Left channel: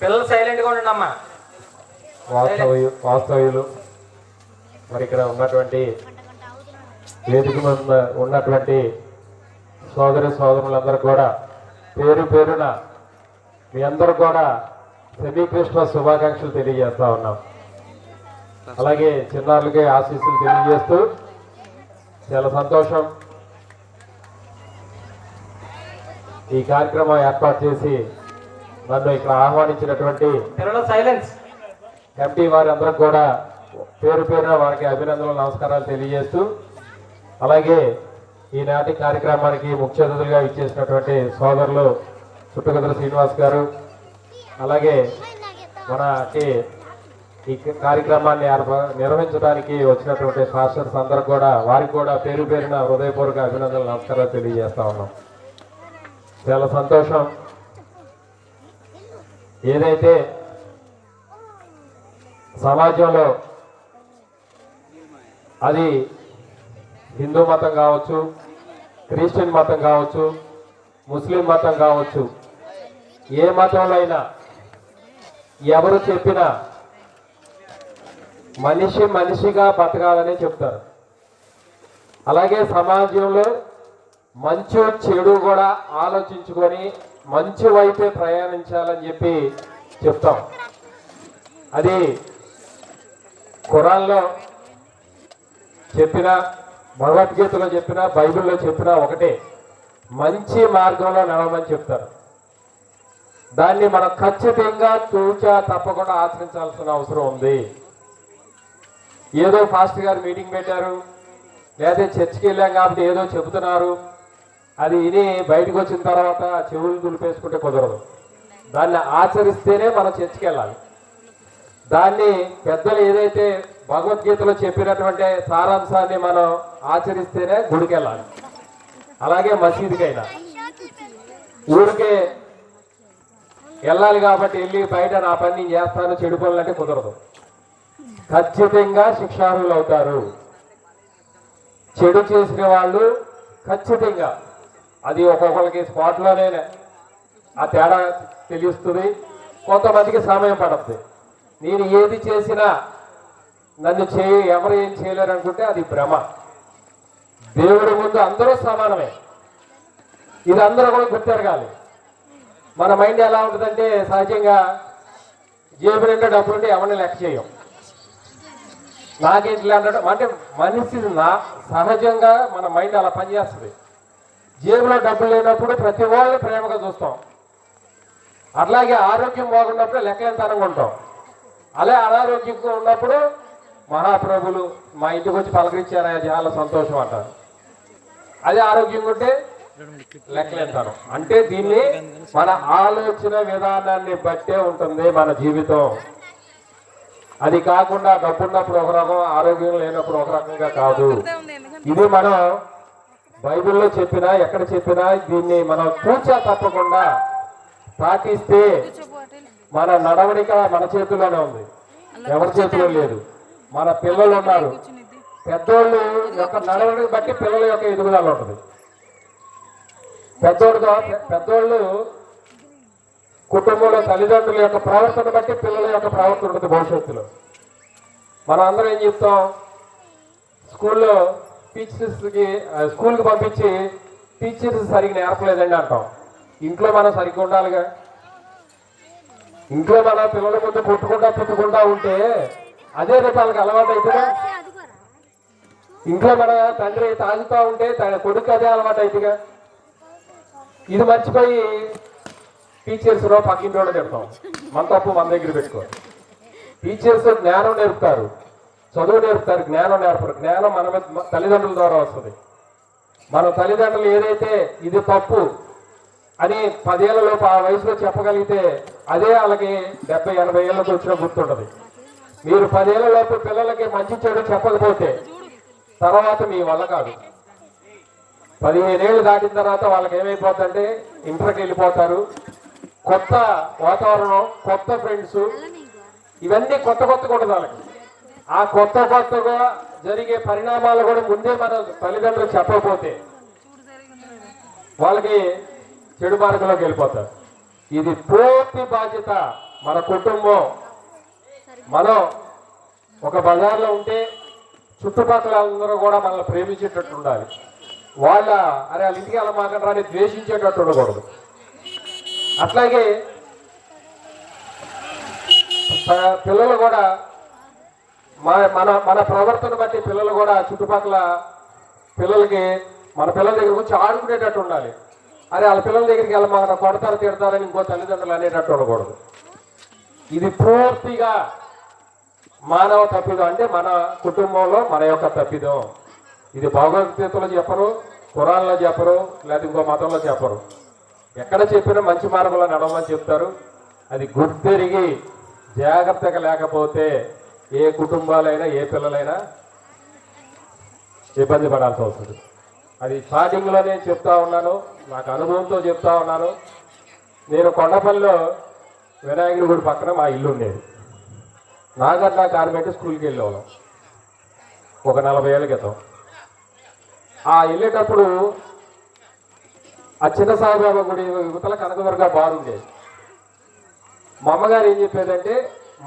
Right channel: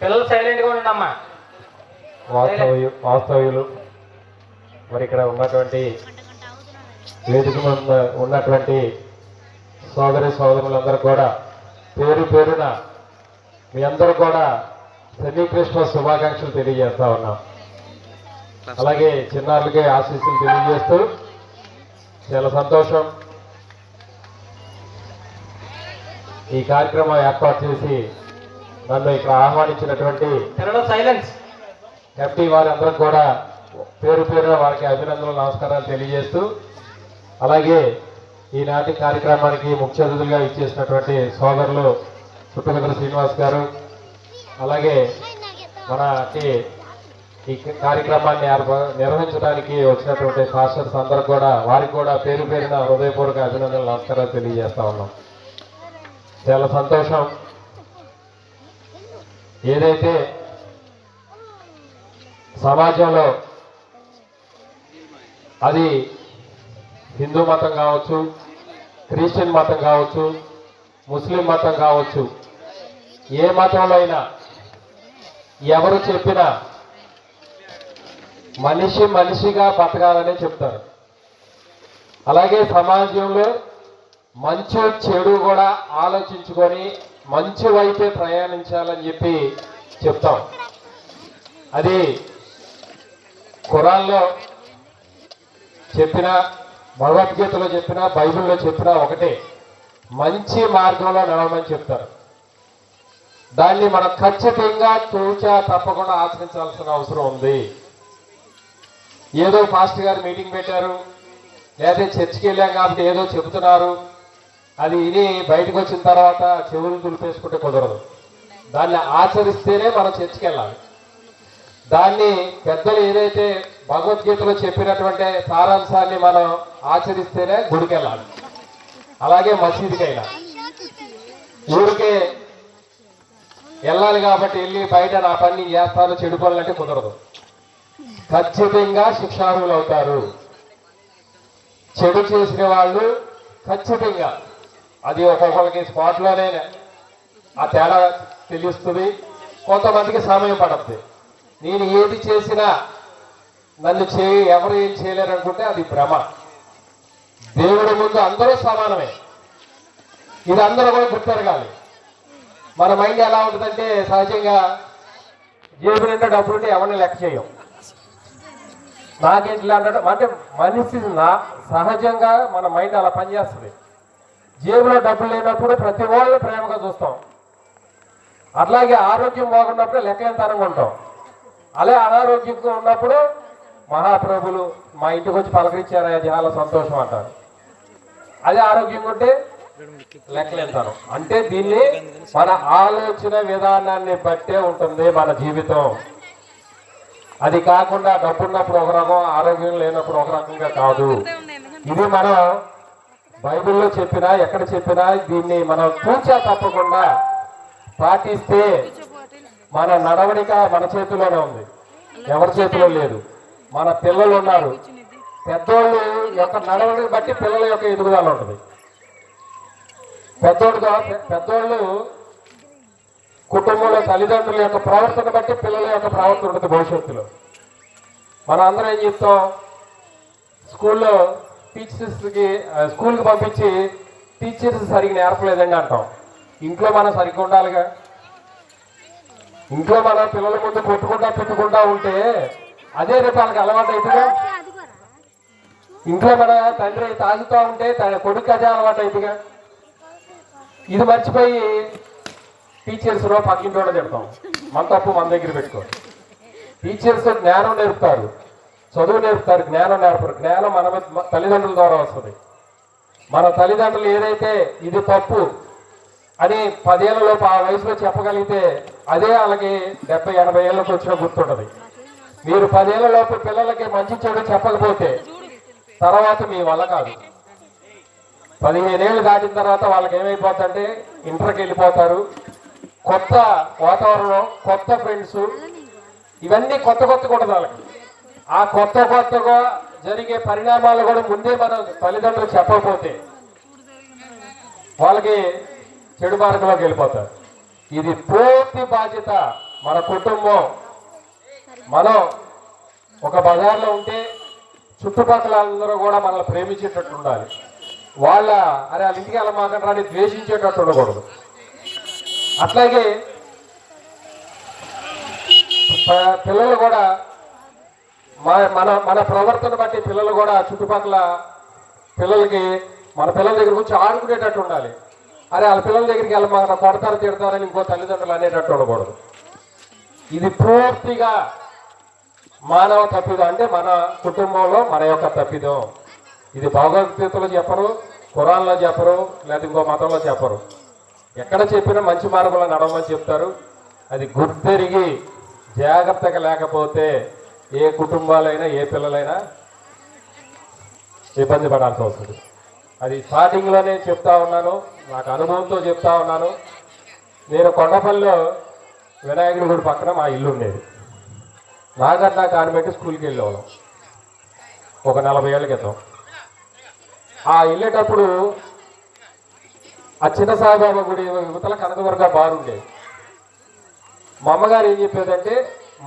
పిల్లలు సైలెంట్గా ఉండండి అమ్మా వాస్తవ్యు వాస్తవ్యులు. మరి ఇక్కడ ఉన్నటువంటి వేదిక మీద ఉన్నటువంటి సోదరి సోదరులందరూ కూడా పేరు పేరున మీ అందరూ కూడా సెమీ క్రిస్మస్ శుభాకాంక్షలు తెలియజేస్తా ఉన్నాం. అలాగే చిన్నారులకి ఆశీస్సులు తెలియజేస్తూ చాలా సంతోషం. ఈ కార్యక్రమం ఏర్పాటు చేసి నన్ను ఇక్కడ ఆహ్వానించినటువంటి సైలెన్స్ కమిటీ వారందరూ కూడా పేరు పేరున వారికి అభినందనలు నమస్కారాలు తెలియజేస్తూ అలాగే ఈనాటి కార్యక్రమానికి ముఖ్య అతిథులుగా ఇచ్చేసినటువంటి సోదరులు చుట్టగదురు శ్రీనివాస్ గారు అలాగే మనకి ఈ కార్యక్రమాన్ని నిర్వహించడానికి వచ్చినటువంటి పాస్టర్స్ అందరికి కూడా వారికి కూడా పేరు పేరున హృదయపూర్వక అభినందనలు నమస్కారాలు తెలియజేస్తా ఉన్నాం. చాలా సంతోషం. ఏదైతే సమాజంలో అది హిందూ మతం కావచ్చు క్రిస్టియన్ మతం కావచ్చు ముస్లిం మతం కావచ్చు ఏ మతంలో అయినా ఎవరు చెప్పినా మనిషి మనిషిగా బతకాలని చెప్తారు. అలాగే సమాజంలో మంచి చెడు కూడా ఆలోచించుకొని మంచి వైపే ప్రయాణించాలని చెప్పి చెప్తాం. అది ఖురాన్లో చెప్పిన భగవద్గీతలో చెప్పిన బైబిల్లో చెప్పిన ఒకటే మంచి మార్గంలో నడవమని చెప్తారు. దాన్ని మనం ఖచ్చితంగా తూచా తప్పకుండా ఆచరించాల్సిన అవసరం ఉంది. ఏదో పాస్టర్ గారు మీటింగ్ పెట్టారు లేదా చర్చికి వెళ్ళాం కాబట్టి ఏదో చెబుతున్నారు అది విని బయటకు వచ్చిన తర్వాత చెవులు దులిపేసుకుంటే కుదరదు. దాన్ని ఆచరిస్తేనే మనం చర్చికి వెళ్ళాలి. దాన్ని పెద్దలు ఏదైతే భగవద్గీతలో చెప్పినటువంటి సారాంశాన్ని మనం ఆచరిస్తేనే గుడికి వెళ్ళాలి. అలాగే మసీదుకైనా. ఊరికే వెళ్ళాలి కాబట్టి వెళ్ళి బయట నా పని చేస్తాను చెడు పనులంటే కుదరదు. ఖచ్చితంగా శిక్షార్హులు అవుతారు. చెడు చేసిన వాళ్ళు ఖచ్చితంగా అది ఒక్కొక్కరికి స్పాట్లోనే ఆ తేడా తెలుస్తుంది. కొంతమందికి సమయం పడుతుంది. నేను ఏది చేసినా నన్ను చేయి ఎవరు ఏం చేయలేరు అనుకుంటే అది భ్రమ. దేవుడి ముందు అందరూ సమానమే. ఇది అందరూ కూడా గుర్తెరగాలి. మన మైండ్ ఎలా ఉంటుందంటే సహజంగా జేబు నిండా డబ్బులు ఉంటే ఎవరిని లెక్క చేయం నాకేంటి అంటే అంటే మనిషి నా సహజంగా మన మైండ్ అలా పనిచేస్తుంది. జేబులో డబ్బులు లేనప్పుడు ప్రతి వాళ్ళని ప్రేమగా చూస్తాం. అట్లాగే ఆరోగ్యం బాగున్నప్పుడు లెక్కలేంతనంగా ఉంటాం. అలా అనారోగ్యంగా ఉన్నప్పుడు మహాప్రభులు మా ఇంటికి వచ్చి పలకరించారా చాలా సంతోషం అంటారు. అదే ఆరోగ్యంగా ఉంటే లెక్కలేంతాను అంటే దీన్ని మన ఆలోచన విధానాన్ని బట్టే ఉంటుంది మన జీవితం. అది కాకుండా డబ్బున్నప్పుడు ఒక రకం ఆరోగ్యం లేనప్పుడు ఒక రకంగా కాదు. ఇది మనం బైబిల్లో చెప్పినా ఎక్కడ చెప్పినా దీన్ని మనం కూర్చా తప్పకుండా పాటిస్తే మన నడవడిక మన చేతిలోనే ఉంది. ఎవరి చేతిలో లేదు. మన పిల్లలు ఉన్నారు. పెద్దోళ్ళు యొక్క నడవడిని బట్టి పిల్లల యొక్క ఎదుగుదల ఉంటుంది. పెద్దోళ్ళుగా పెద్దోళ్ళు కుటుంబంలో తల్లిదండ్రుల యొక్క ప్రవర్తన బట్టి పిల్లల యొక్క ప్రవర్తన ఉంటుంది భవిష్యత్తులో. మనం అందరం ఏం చెప్తాం? స్కూల్లో టీచర్స్కి స్కూల్కి పంపించి టీచర్స్ సరిగ్గా నేర్పలేదండి అంటాం. ఇంట్లో మనం సరిగ్గా ఉండాలిగా. ఇంట్లో మన పిల్లల ముందు కొట్టుకుంటా పెట్టుకుంటా ఉంటే అదే రేపు వాళ్ళకి అలవాటు అవుతుందా? ఇంట్లో మన తండ్రి తాగుతూ ఉంటే తన కొడుకు అదే అలవాటు అవుతుందిగా ఇది మర్చిపోయి టీచర్స్లో పక్కింటోడ తిడతాం. మన తప్పు మన దగ్గర పెట్టుకో టీచర్స్ జ్ఞానం నేర్పుతారు. చదువు నేర్పుతారు జ్ఞానం నేర్పరు. జ్ఞానం మన మీద- తల్లిదండ్రుల ద్వారా వస్తుంది. మన తల్లిదండ్రులు ఏదైతే ఇది తప్పు అని పదేళ్ళలోపు ఆ వయసులో చెప్పగలిగితే అదే వాళ్ళకి డెబ్బై ఎనభై ఏళ్ళకి వచ్చిన గుర్తుంటుంది. మీరు పదేళ్ళలోపు పిల్లలకి మంచి చెడు చెప్పకపోతే తర్వాత మీ వల్ల కాదు. పదిహేనేళ్ళు దాటిన తర్వాత వాళ్ళకి ఏమైపోతుందంటే ఇంటర్కి వెళ్ళిపోతారు. కొత్త వాతావరణం కొత్త ఫ్రెండ్స్ ఇవన్నీ కొత్త కొత్త కూడా వాళ్ళకి. ఆ కొత్త కొత్తగా జరిగే పరిణామాలు కూడా ముందే మన తల్లిదండ్రులు చెప్పకపోతే వాళ్ళకి చెడు మార్గంలోకి వెళ్ళిపోతారు. ఇది పూర్తి బాధ్యత మన కుటుంబం. మనం ఒక బజార్లో ఉంటే చుట్టుపక్కల అందరూ కూడా మనల్ని ప్రేమించేటట్టు ఉండాలి. వాళ్ళ అరే వాళ్ళ ఇంటికి వెళ్ళ మాకంటారా ద్వేషించేటట్టు ఉండకూడదు. అట్లాగే పిల్లలు కూడా మన మన మన ప్రవర్తన బట్టి పిల్లలు కూడా చుట్టుపక్కల పిల్లలకి మన పిల్లల దగ్గర వచ్చి ఆడుకునేటట్టు ఉండాలి. అరే వాళ్ళ పిల్లల దగ్గరికి వెళ్ళి మనం కొడతారు తిడతారని ఇంకో తల్లిదండ్రులు అనేటట్టు ఉండకూడదు. ఇది పూర్తిగా మానవ తప్పిదం. అంటే మన కుటుంబంలో మన యొక్క తప్పిదం. ఇది భగవద్గీతలో చెప్పరు కురాల్లో చెప్పరు లేదా ఇంకో మతంలో చెప్పరు. ఎక్కడ చెప్పినా మంచి మార్గంలో నడవమని చెప్తారు. అది గుర్తెరిగి జాగ్రత్తగా లేకపోతే ఏ కుటుంబాలైనా ఏ పిల్లలైనా ఇబ్బంది పడాల్సి వస్తుంది. అది స్టార్టింగ్లోనే చెప్తా ఉన్నాను నాకు అనుభవంతో చెప్తా ఉన్నాను. నేను కొండపల్లిలో వినాయకుడి గుడి పక్కన మా ఇల్లు ఉండేది. నాగర్నా కాన్వెంట్ స్కూల్కి వెళ్ళేవాళ్ళం ఒక నలభై ఏళ్ళ క్రితం. ఆ వెళ్ళేటప్పుడు ఆ చిన్న సాయిబాబా గుడి యువతల కనకదుర్గ బాగుండేది మా అమ్మగారు ఏం చెప్పేదంటే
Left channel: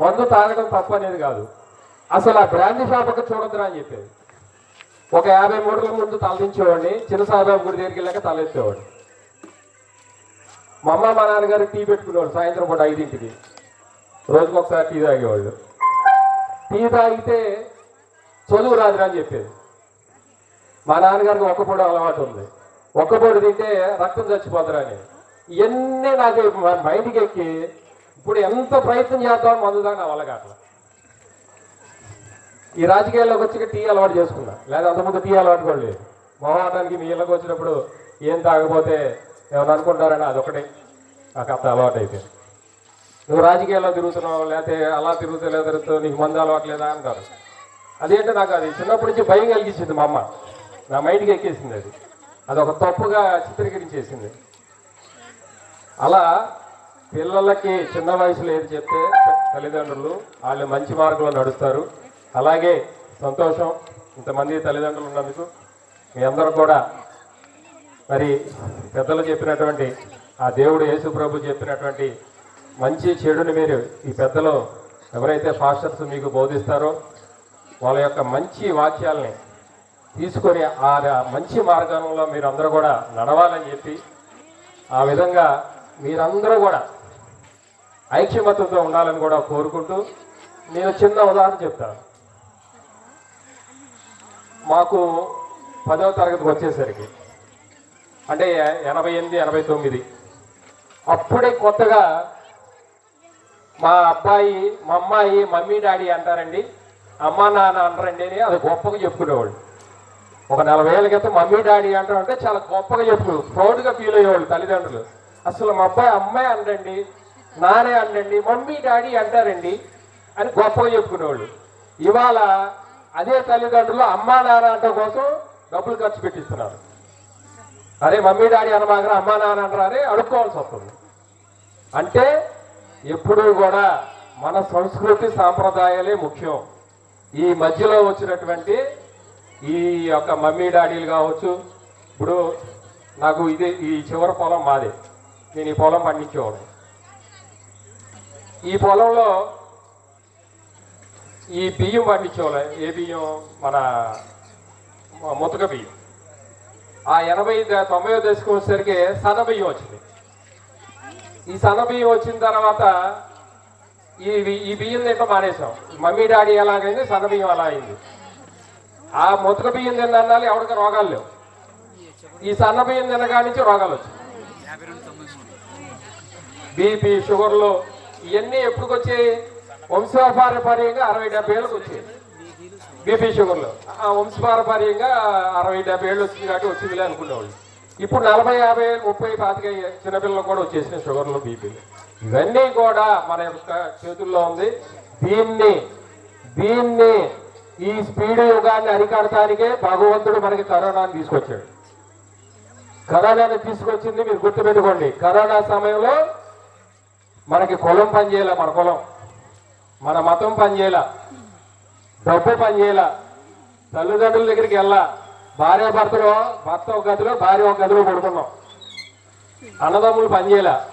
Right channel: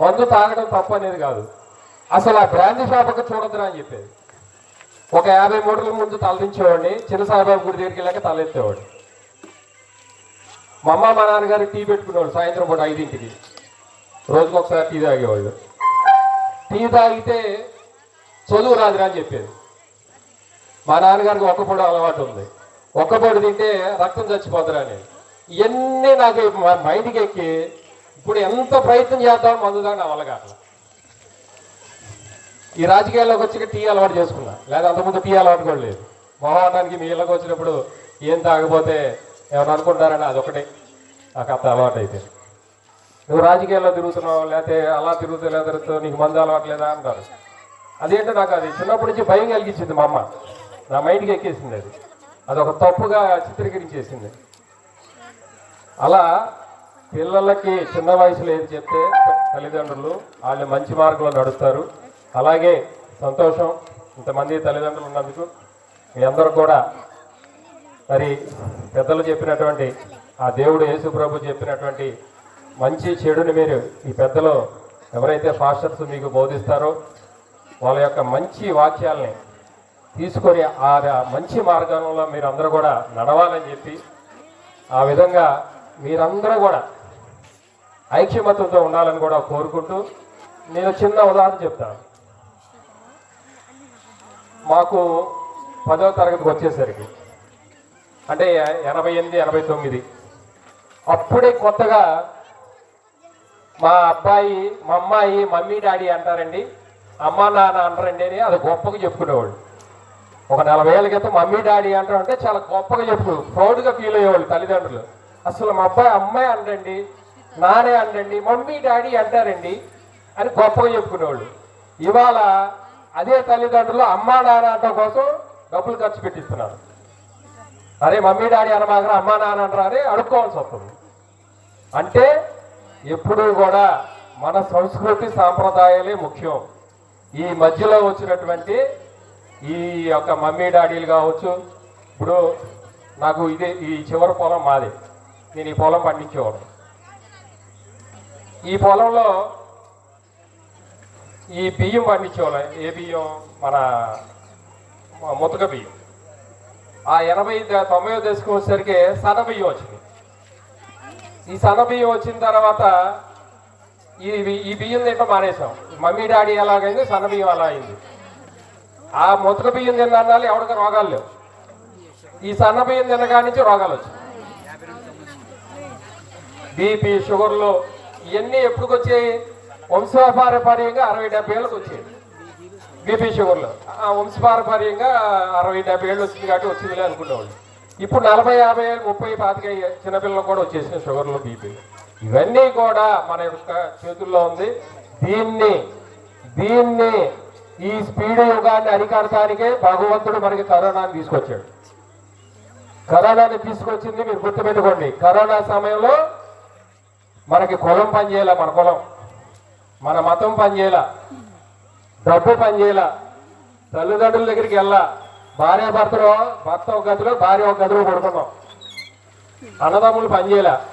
మందు తాగడం తప్పు అనేది కాదు. అసలు ఆ బ్రాండ్ షాప్కి చూడద్దురా అని చెప్పేది. ఒక యాభై మూటల ముందు తలదించేవాడిని చిన్న సాయిబాబు గుడి దగ్గరికి వెళ్ళాక తలెత్తేవాడు. మా అమ్మ మా నాన్నగారు టీ పెట్టుకునేవాడు సాయంత్రం పూట ఐదింటికి. రోజుకు ఒకసారి టీ తాగేవాళ్ళు టీ తాగితే చదువు రాదురా అని చెప్పేది. మా నాన్నగారికి ఒక్క పొడి అలవాటు ఉంది. ఒక్క పొడి తింటే రక్తం చచ్చిపోతారా అని. ఇవన్నీ నాకు మైండ్కి ఎక్కి ఇప్పుడు ఎంత ప్రయత్నం చేద్దాం మందు దాన్ని అవలగాట్ల ఈ రాజకీయాల్లోకి వచ్చి టీ అలవాటు చేసుకున్నా. లేదా అంతకుముందు టీ అలవాటు కూడా లేదు. మొహాటానికి మీ ఇళ్ళకి వచ్చినప్పుడు ఏం తాగపోతే ఏమైనా అనుకుంటారని అదొకటే. నాకు అంత అలవాటు అయితే నువ్వు రాజకీయాల్లో తిరుగుతున్నావు? లేకపోతే అలా తిరుగుతూ లేదా నీకు మందు అలవాట్లేదా అంటారు. అదేంటో నాకు అది చిన్నప్పటి నుంచి భయం కలిగించింది మా అమ్మ. నా మైండ్కి ఎక్కేసింది అది. అది ఒక తప్పుగా చిత్రీకరించేసింది. అలా పిల్లలకి చిన్న వయసులో ఏది చెప్తే తల్లిదండ్రులు వాళ్ళు మంచి మార్గంలో నడుస్తారు. అలాగే సంతోషం ఇంతమంది తల్లిదండ్రులు ఉన్నందుకు మీ అందరూ కూడా మరి పెద్దలు చెప్పినటువంటి ఆ దేవుడు యేసు ప్రభు చెప్పినటువంటి మంచి చెడుని మీరు ఈ పెద్దలు ఎవరైతే ఫాస్టర్స్ మీకు బోధిస్తారో వాళ్ళ యొక్క మంచి వాక్యాలని తీసుకొని ఆ మంచి మార్గంలో మీరందరూ కూడా నడవాలని చెప్పి ఆ విధంగా మీరందరూ కూడా ఐక్యమత్యంతో ఉండాలని కూడా కోరుకుంటూ నేను చిన్న ఉదాహరణ చెప్తాను. మాకు పదవ తరగతికి వచ్చేసరికి అంటే ఎనభై ఎనిమిది ఎనభై తొమ్మిది అప్పుడే కొత్తగా మా అబ్బాయి మా అమ్మాయి మమ్మీ డాడీ అంటారండి. అమ్మ నాన్న అంటారండి అని అది గొప్పగా చెప్పుకునేవాళ్ళు. ఒక నలభై ఏళ్ళ క్రితం మమ్మీ డాడీ అంటారంటే చాలా గొప్పగా చెప్పు ప్రౌడ్గా ఫీల్ అయ్యేవాళ్ళు తల్లిదండ్రులు. అసలు మా అబ్బాయి అమ్మాయి అంటండి నానే అండండి మమ్మీ డాడీ అంటారండి అని గొప్పగా చెప్పుకునేవాళ్ళు. ఇవాళ అదే తల్లిదండ్రులు అమ్మా నాన్న అంటం కోసం డబ్బులు ఖర్చు పెట్టిస్తున్నారు. అరే మమ్మీ డాడీ అనమాగరా అమ్మా నాన్న అంటారా? అని అడుక్కోవాల్సి వస్తుంది. అంటే ఎప్పుడూ కూడా మన సంస్కృతి సాంప్రదాయాలే ముఖ్యం. ఈ మధ్యలో వచ్చినటువంటి ఈ యొక్క మమ్మీ డాడీలు కావచ్చు ఇప్పుడు నాకు ఇదే ఈ చివరి పొలం మాదే. నేను ఈ పొలం పండించేవాడు ఈ పొలంలో ఈ బియ్యం పండించేవాళ్ళం. ఏ బియ్యం? మన ముతక బియ్యం. ఆ ఎనభై తొంభై దశకు వచ్చేసరికి సన్న బియ్యం వచ్చింది. ఈ సన్న బియ్యం వచ్చిన తర్వాత ఈ ఈ బియ్యం తింటాం మానేసాం మమ్మీ డాడీ ఎలాగైంది? సన్న బియ్యం అలా అయింది. ఆ ముతక బియ్యం తిన్నాలి ఎవరికి రోగాలు లేవు. ఈ సన్న బియ్యం తినగాడి నుంచి రోగాలు వచ్చాయి బీపీ షుగర్లు ఇవన్నీ ఎప్పుడు వచ్చాయి వంశపారపర్యంగా అరవై డెబ్బై ఏళ్ళకి వచ్చాయి బీపీ షుగర్లు. ఆ వంశపారపర్యంగా అరవై డెబ్బై ఏళ్ళు వచ్చింది కాబట్టి వచ్చిందిలే అనుకునేవాళ్ళు. ఇప్పుడు నలభై యాభై ముప్పై పాతిక చిన్నపిల్లలు కూడా వచ్చేసిన షుగర్లు బీపీ. ఇవన్నీ కూడా మన యొక్క చేతుల్లో ఉంది. దీన్ని దీన్ని ఈ స్పీడ్ యుగాన్ని అరికడటానికే భగవంతుడు మనకి కరోనాని తీసుకొచ్చాడు. కరోనాని తీసుకొచ్చింది మీరు గుర్తుపెట్టుకోండి. కరోనా సమయంలో మనకి కులం పనిచేయాల మన కులం? మన మతం పనిచేయాల డబ్బు పనిచేయాల తల్లిదండ్రుల దగ్గరికి వెళ్ళా భార్య భర్తలో భర్త ఒక గదిలో భార్య ఒక గదిలో పడుకున్నాం. అన్నదమ్ములు పనిచేయాల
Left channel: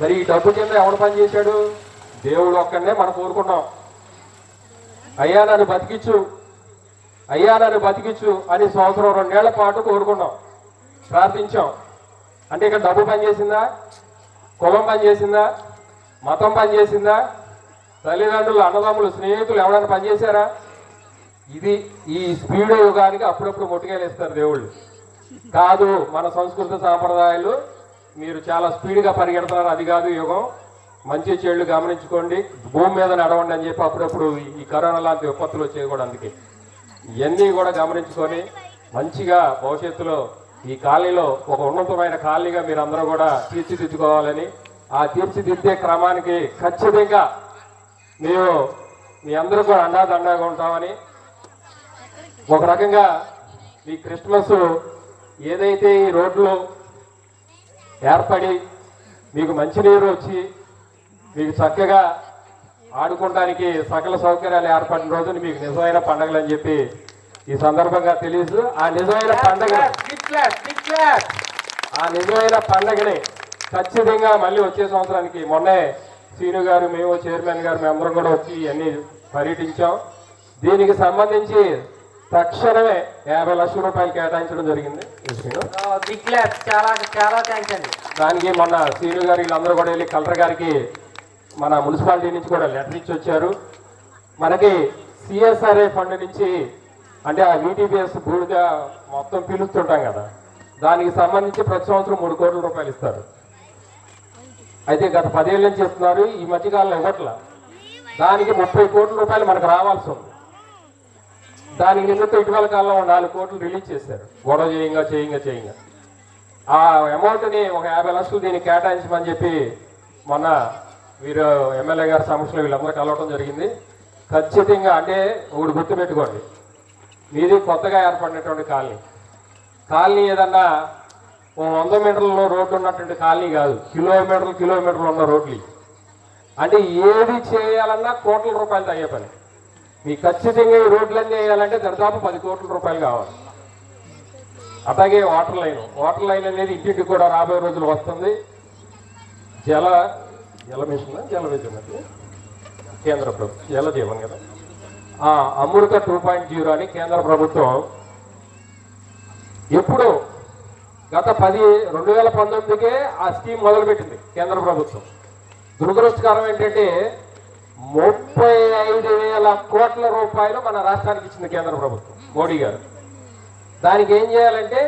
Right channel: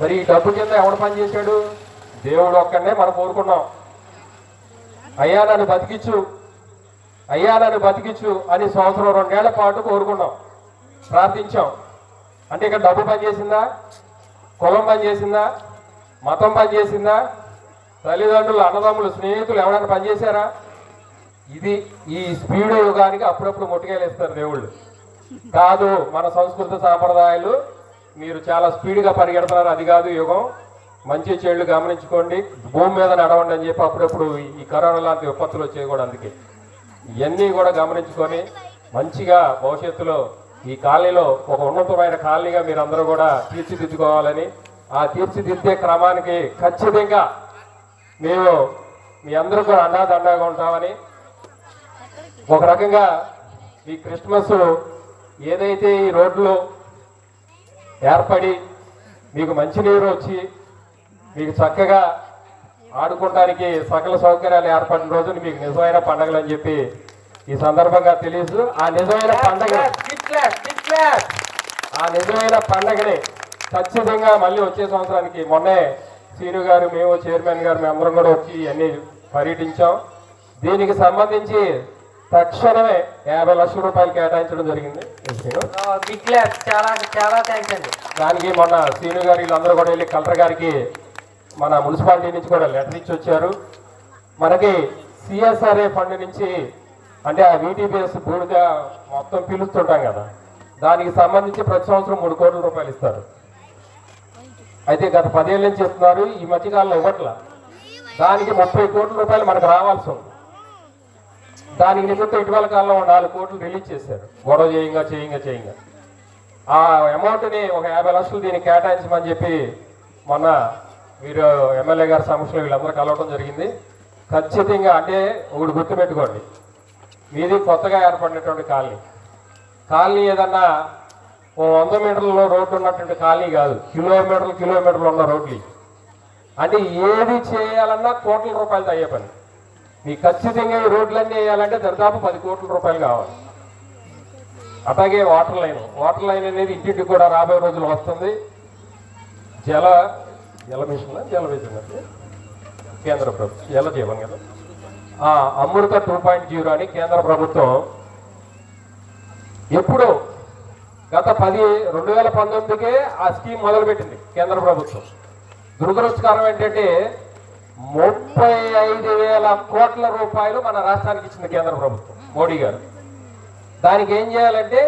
మరి ఈ డబ్బు కింద ఎవడు పనిచేశాడు దేవుడు ఒక్కడనే మనం కోరుకున్నాం. అయ్యా నన్ను బతికిచ్చు అయ్యా నన్ను బతికిచ్చు అని సంవత్సరం రెండేళ్ళ పాటు కోరుకున్నాం. ప్రార్థించాం. అంటే ఇక్కడ డబ్బు పనిచేసిందా కులం పని చేసిందా? మతం పనిచేసిందా తల్లిదండ్రులు అన్నదమ్ములు స్నేహితులు ఎవరైనా పనిచేశారా ఇది ఈ స్పీడ్ యుగానికి అప్పుడప్పుడు ముట్టుకాయలు దేవుళ్ళు. కాదు మన సంస్కృత సాంప్రదాయాలు మీరు చాలా స్పీడ్గా పరిగెడుతున్నారు. అది కాదు యుగం. మంచి చెడు గమనించుకోండి. భూమి మీద నడవండి అని చెప్పి అప్పుడప్పుడు ఈ కరోనా లాంటి విపత్తులు వచ్చేవి కూడా అందుకే. ఇవన్నీ కూడా గమనించుకొని మంచిగా భవిష్యత్తులో ఈ కాలనీలో ఒక ఉన్నతమైన కాలనీగా మీరు అందరూ కూడా తీర్చిదిద్దుకోవాలని ఆ తీర్చిదిద్దే క్రమానికి ఖచ్చితంగా మేము మీ అందరూ కూడా అండాదండగా ఉంటామని ఒక రకంగా ఈ క్రిస్మస్ ఏదైతే ఈ రోడ్లు ఏర్పడి మీకు మంచినీరు వచ్చి మీకు చక్కగా ఆడుకోవడానికి సకల సౌకర్యాలు ఏర్పడిన రోజులు మీకు నిజమైన పండుగలు అని చెప్పి ఈ సందర్భంగా తెలియదు ఆ నిజమైన పండుగ ఆ నిజమైన పండుగని ఖచ్చితంగా మళ్ళీ వచ్చే సంవత్సరానికి మొన్నే సీను గారు మేము చైర్మన్ గారు మేము అందరం కూడా వచ్చి అన్ని పర్యటించాం. దీనికి సంబంధించి తక్షణమే యాభై లక్షల రూపాయలు కేటాయించడం జరిగింది. దానికి మొన్న సీను గారు వీళ్ళందరూ కూడా వెళ్ళి కలెక్టర్ గారికి మన మున్సిపాలిటీ నుంచి కూడా లెటర్ ఇచ్చి వచ్చారు. మనకి సిఎస్ఆర్ఏ ఫండ్ నుంచి అంటే ఆ వీటీపీఎస్ బూడిద మొత్తం పిలుస్తుంటాం కదా. దానికి సంబంధించి ప్రతి సంవత్సరం మూడు కోట్ల రూపాయలు ఇస్తారు. అయితే గత పదేళ్ళ నుంచి ఇస్తున్నారు ఈ మధ్యకాలంలో ఇవ్వట్ల. దానికి ముప్పై కోట్ల రూపాయలు మనకు రావాల్సి ఉంది. దానికి నిమిత్తం ఇటీవల కాలంలో నాలుగు కోట్లు రిలీజ్ చేశారు. గొడవ చేయంగా చేయంగా చేయంగా. ఆ అమౌంట్ని ఒక యాభై లక్షలు దీనికి కేటాయించమని చెప్పి మొన్న వీరు ఎమ్మెల్యే గారి సమస్యలో వీళ్ళందరూ కలవడం జరిగింది. ఖచ్చితంగా అంటే ఒకటి గుర్తుపెట్టుకోండి. మీది కొత్తగా ఏర్పడినటువంటి కాలనీ. కాలనీ ఏదన్నా ఓ వంద మీటర్లలో రోడ్డు ఉన్నటువంటి కాలనీ కాదు. కిలోమీటర్లు కిలోమీటర్లు ఉన్న రోడ్లు. అంటే ఏది చేయాలన్నా కోట్ల రూపాయలు అయ్యే పని. మీ ఖచ్చితంగా ఈ రోడ్లన్నీ వేయాలంటే దాదాపు పది కోట్ల రూపాయలు కావాలి. అలాగే వాటర్ లైన్. వాటర్ లైన్ అనేది ఇంటింటికి కూడా రాబోయే రోజులు వస్తుంది. జల జల మిషన్ జల మిషన్ కేంద్ర ప్రభుత్వం. జల జీవన్ కదా అమృత టూ పాయింట్ జీరో అని కేంద్ర ప్రభుత్వం ఎప్పుడో గత పది రెండు వేల పంతొమ్మిదికే ఆ స్కీమ్ మొదలుపెట్టింది కేంద్ర ప్రభుత్వం. దురదృష్టకరం ఏంటంటే ముప్పై ఐదు వేల కోట్ల రూపాయలు మన రాష్ట్రానికి ఇచ్చింది కేంద్ర ప్రభుత్వం మోడీ గారు. దానికి ఏం చేయాలంటే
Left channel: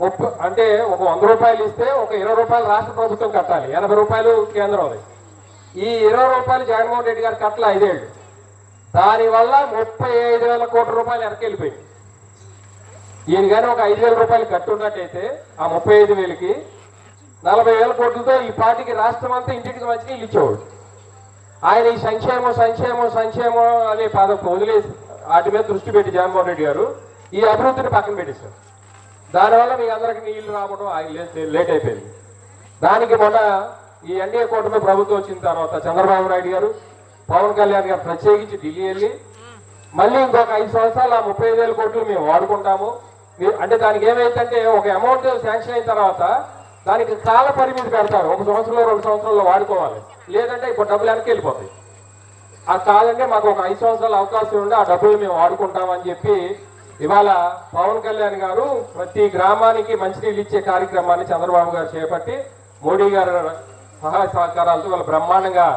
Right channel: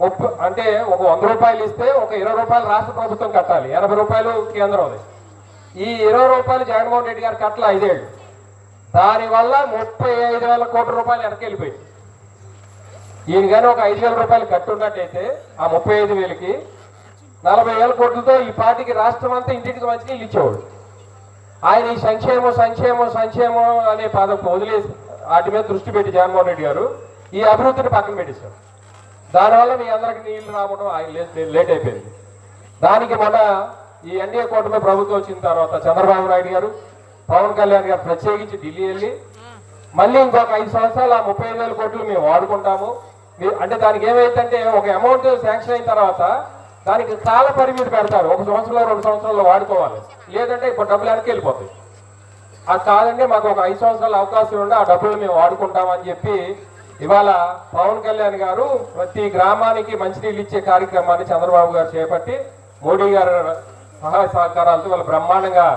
ముప్పై అంటే ఒక వంద రూపాయలు ఇస్తే ఒక ఇరవై రూపాయలు రాష్ట్ర ప్రభుత్వం కట్టాలి. ఎనభై రూపాయలు కేంద్రం ఈ ఇరవై రూపాయలు జగన్మోహన్ రెడ్డి గారు కట్టాలి ఐదేళ్ళు. దానివల్ల ముప్పై ఐదు వేల కోట్ల రూపాయలు వెనకెళ్ళిపోయింది ఈయన కానీ ఒక ఐదు వేల రూపాయలు కట్టున్నట్టయితే ఆ ముప్పై ఐదు వేలకి నలభై వేల కోట్లతో ఈ పార్టీకి రాష్ట్రం అంతా ఇంటింటికి మంచిగా ఇల్లు ఇచ్చేవాడు. ఆయన ఈ సంక్షేమం సంక్షేమం సంక్షేమం అనే పదం వదిలేసి వాటి మీద దృష్టి పెట్టి జగన్మోహన్ రెడ్డి గారు ఈ అభివృద్ధిని పక్కన పెట్టేశారు. దానివల్ల మీ అందరికి నీళ్ళు రావడం ఆయన లేట్ అయిపోయింది. దానికి మొన్న ఈ ఎన్డీఏ కూటమి ప్రభుత్వం వచ్చిన తర్వాత చంద్రబాబు నాయుడు గారు పవన్ కళ్యాణ్ గారు ప్రత్యేకించి ఢిల్లీ వెళ్ళి మళ్ళీ ఇంకొక ఐదు సంవత్సరాలు ఆ ముప్పై ఐదు వేల కోట్లు మేము వాడుకుంటాము. అంటే దానికి ఏమైందంటే ఒక అమౌంట్ శాంక్షన్ అయిన తర్వాత దానికి కాల పరిమితి పెడతారు. ఒక సంవత్సరంలో రెండు సంవత్సరాల్లో వాడుకోవాలి. లేదంటే ఇప్పుడు డబ్బులు వెనక్కి వెళ్ళిపోతాయి. ఆ కాదంటే మాకు ఒక ఐదు సంవత్సరాల అవకాశం ఉండి ఆ డబ్బులు మేము వాడుకుంటామని చెప్పి ఇవాళ పవన్ కళ్యాణ్ గారు ప్రతి గ్రామానికి మంచినీళ్ళు ఇచ్చే కార్యక్రమాన్ని చంద్రబాబు గారు చేపట్టి మోడీ గారు సహాయ సహకారాలతో వాళ్ళు బ్రహ్మాండంగా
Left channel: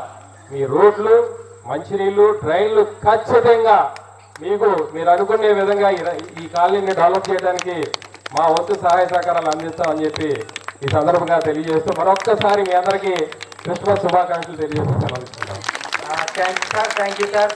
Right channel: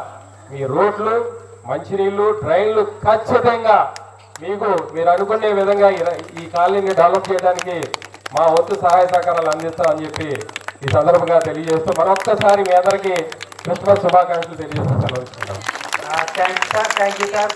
మీ రోడ్లు మంచినీళ్ళు డ్రైన్లు ఖచ్చితంగా మీకు మీరు అనుకునే విధంగా ఈ- కాలనీని డెవలప్ చేయడానికి మా వంతు సహాయ సహకారాలు అందిస్తామని చెప్పి ఈ సందర్భంగా తెలియజేస్తూ మరొక్కసారి మీ అందరికీ క్రిస్మస్ శుభాకాంక్షలు తెలియజేస్తాను సార్ థ్యాంక్ యూ సార్.